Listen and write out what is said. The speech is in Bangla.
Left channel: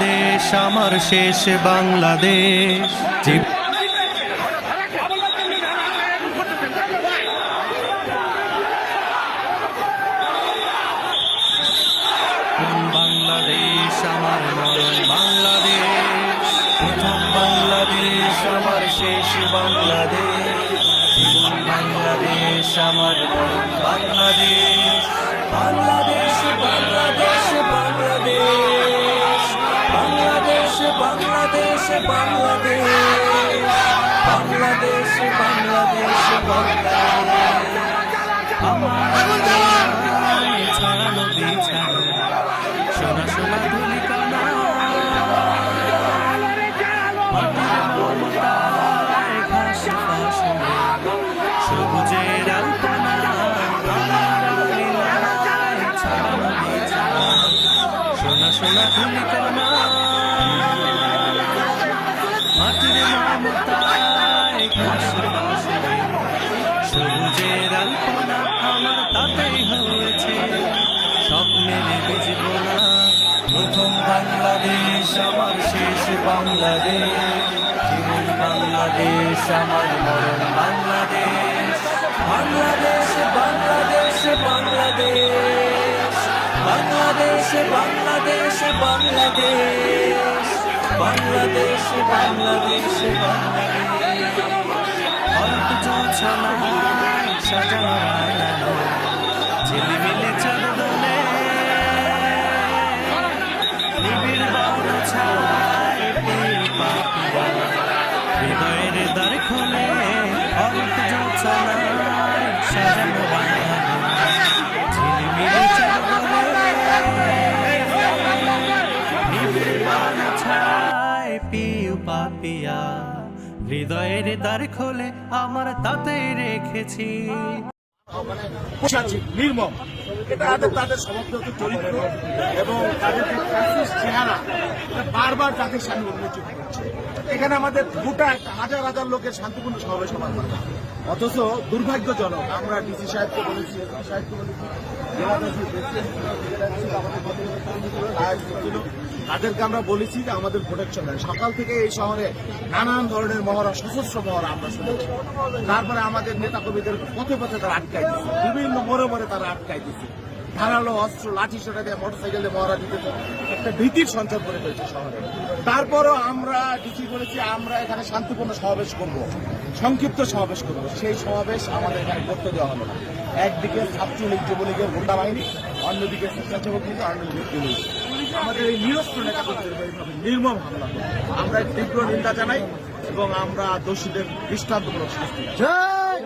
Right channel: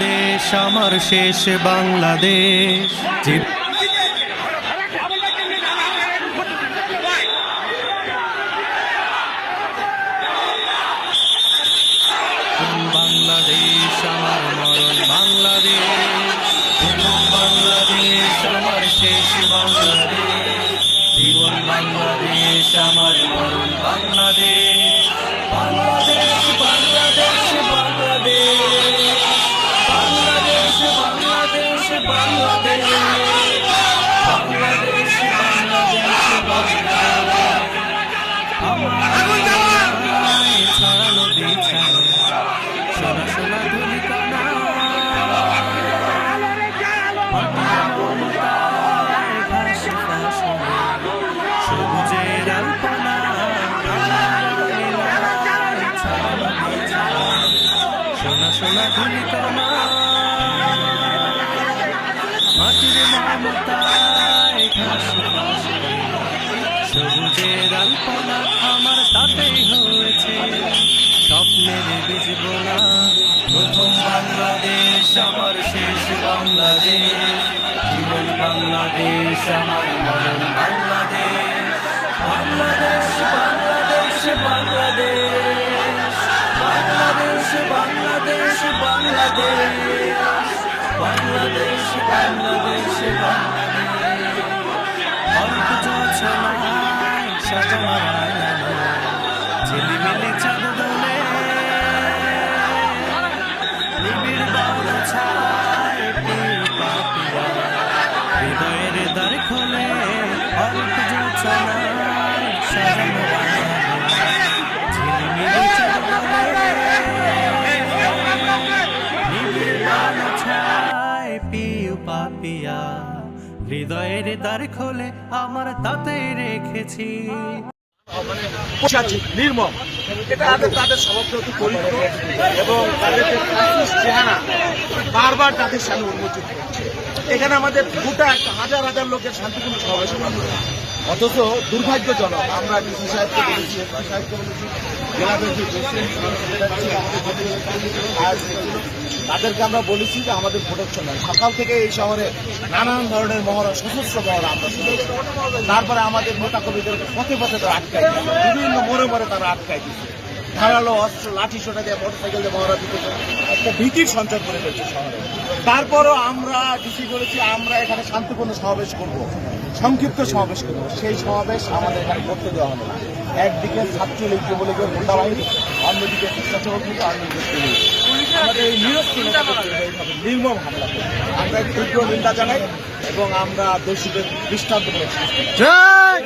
বাংলাদেশ আমার শেষ বাংলাদেশ। বাংলাদেশ আমার মরণ বাংলাদেশ, প্রথম বাংলাদেশ আমার শেষ বাংলাদেশ। জীবন বাংলাদেশ আমার মরণ বাংলাদেশ। বাংলাদেশ বাংলাদেশ বাংলাদেশ, বাংলাদেশ বাংলাদেশ বাংলাদেশ, বাংলাদেশ বাংলাদেশ বাংলাদেশ। আমার ছাড়ানো বিছানো সোনা সোনা ধুলি কানা, মাটির মমতায় ঘাস ফসলে সবুজের আলপনা। ছাড়ানো বিছানো সোনা সোনা ধুলি কানা, মাটির মমতায় ঘাস ফসলে সবুজের আলপনা। আমার তাতেই হয়েছে স্বপ্নের বীজ বোনা। প্রথম বাংলাদেশ আমার শেষ বাংলাদেশ। জীবন বাংলাদেশ আমার মরণ বাংলাদেশ। বাংলাদেশ বাংলাদেশ বাংলাদেশ, বাংলাদেশ বাংলাদেশ বাংলাদেশ, বাংলাদেশ বাংলাদেশ বাংলাদেশ। অল্প জোছনায় সাজানো রাঙানো ঝিলিমিলি চাঁদ দোলে, নিবিড় বড় ছায় পিউ পাপিয়া হৃদয়ের দ্বার খোলে। অল্প জোছনায় সাজানো রাঙানো ঝিলিমিলি চাঁদ দোলে, নিবিড় বড় ছায় পিউ পাপিয়া হৃদয়ের দ্বার খোলে। আমার তাতে রেখেছি নির্মম। এটা তাদের স্বভাবগত চরিত্র এবং তাদের যে চেহারা বারবার তাদের সামনে উন্মোচিত হচ্ছে। এখানে আমাদের গোটা হাজার হাজার লোকের শান্তিপূর্ণ সমাবেশ হবে, অথচ দুর্ভাগ্যজনক আমরা ডিসি সাহেবকে বলেছি, এসপি সাহেবকে বলেছি, তাদেরকে আমরা বলেছি যে আমাদের প্রোটেকশন নেন। সকাল থেকে এই শহরে নানান ধরনের মহড়া, সশস্ত্র মহড়া আমরা শুনেছি। তারপরে আমাদের নেতা কর্মীদের পথে পথে তারা আটকাই দিচ্ছে, বিভিন্ন মোড়ে মোড়ে তারা আটকাই দিচ্ছে, ধারালো অস্ত্র লাঠি সোটা দিয়ে মোটরসাইকেল দিয়ে মহড়া দিতেছে, একটা ভীতির সঞ্চার করে ফেলছে শহরে। তারপরও আমরা ডিসি বলেছি আমরা এখানে শান্তিপূর্ণ সমাবেশ করব, সংক্ষিপ্ত সমাবেশ করব। সেই সমাবেশ আমাদের এখানে করতে দেওয়া হলো না। একদিকে ছাত্রলীগ যুবলীগের গুন্ডা বাহিনী, অন্যদিকে স্বেচ্ছাসেবক লীগ, অন্যদিকে পুলিশ আমাদের এই নিরস্ত্র নেতাকর্মীরা এইভাবে নির্মম হামলা করে। আমরা তীব্র নিন্দা জানাই এবং আমরা দোষীদের দৃষ্টান্তমূলক শাস্তি চাই।